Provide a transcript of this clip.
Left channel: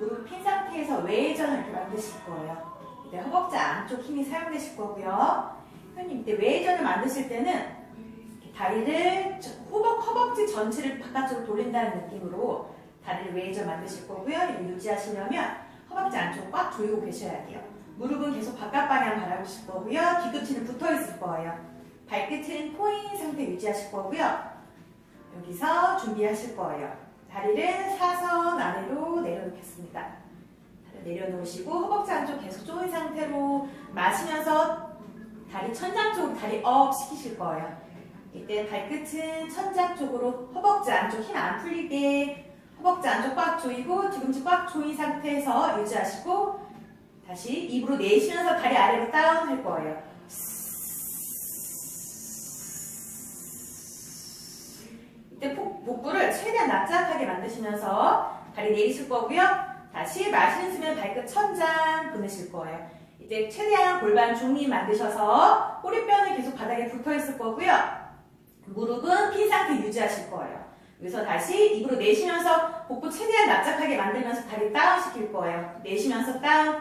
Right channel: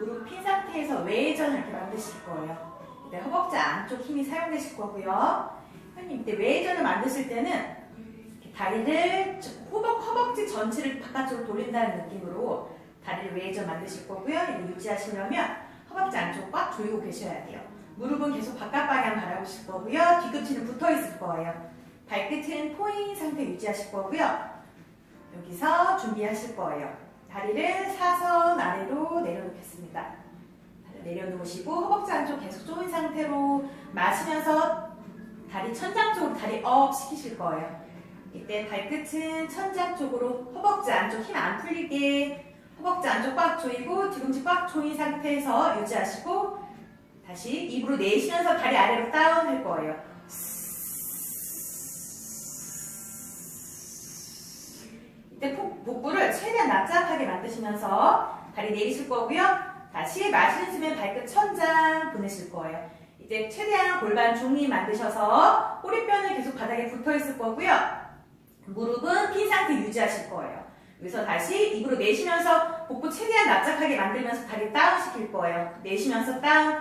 무릎 핀 상태에서 외전을 이렇게 만드실 거예요. 이때 허벅지 안쪽 힘이 사용되실 거고요. 선생님 이때 외전을 만드실 때는 다리를 허벅, 허벅지 전체를 바깥으로 돌린다는 느낌으로 다리를 외전 만드실 거고요. 유지하시려면 허벅지 안쪽 꽉 조이고 계셔야 돼요. 무릎은 계속 바깥 방향 바라보실 거고요. 뒤꿈치는 붙어 있을 거예요. 발끝은 포인 상태 유지하실 거고요. 여기서 준비하실 거예요. 다리를 사선 아래 다리 내려놓으시고 허벅지 안쪽 계속 조인 상태로 마시면서 다리 천장 쪽으로 다리 업 시키실 거예요. 이때 발끝은 천장 쪽으로 허벅지 안쪽 힘 안 풀리게 허벅지 안쪽 꽉 조이고 뒤꿈치 꽉 조인 상태에서 유지하시고 다시 입으로 내쉬면서 다리 아래로 다운 할 거예요. 이때 복- 복부를 최대한 납작하게 만드시면서 다리 내리실 거고요. 다시 마시는 숨에 발끝 천장 보내실 거예요. 이제 최대한 골반 중리 만드셔서 꼬리뼈는 계속 바닥에 붙어 있을 거고요. 무릎은 핀 상태 유지하실 거예요. 여기서 다시 입으로 내쉬면서 복부 최대한 납작하게 만들면서 다리 다운 시킬 거예요. 내쉬면서 다운,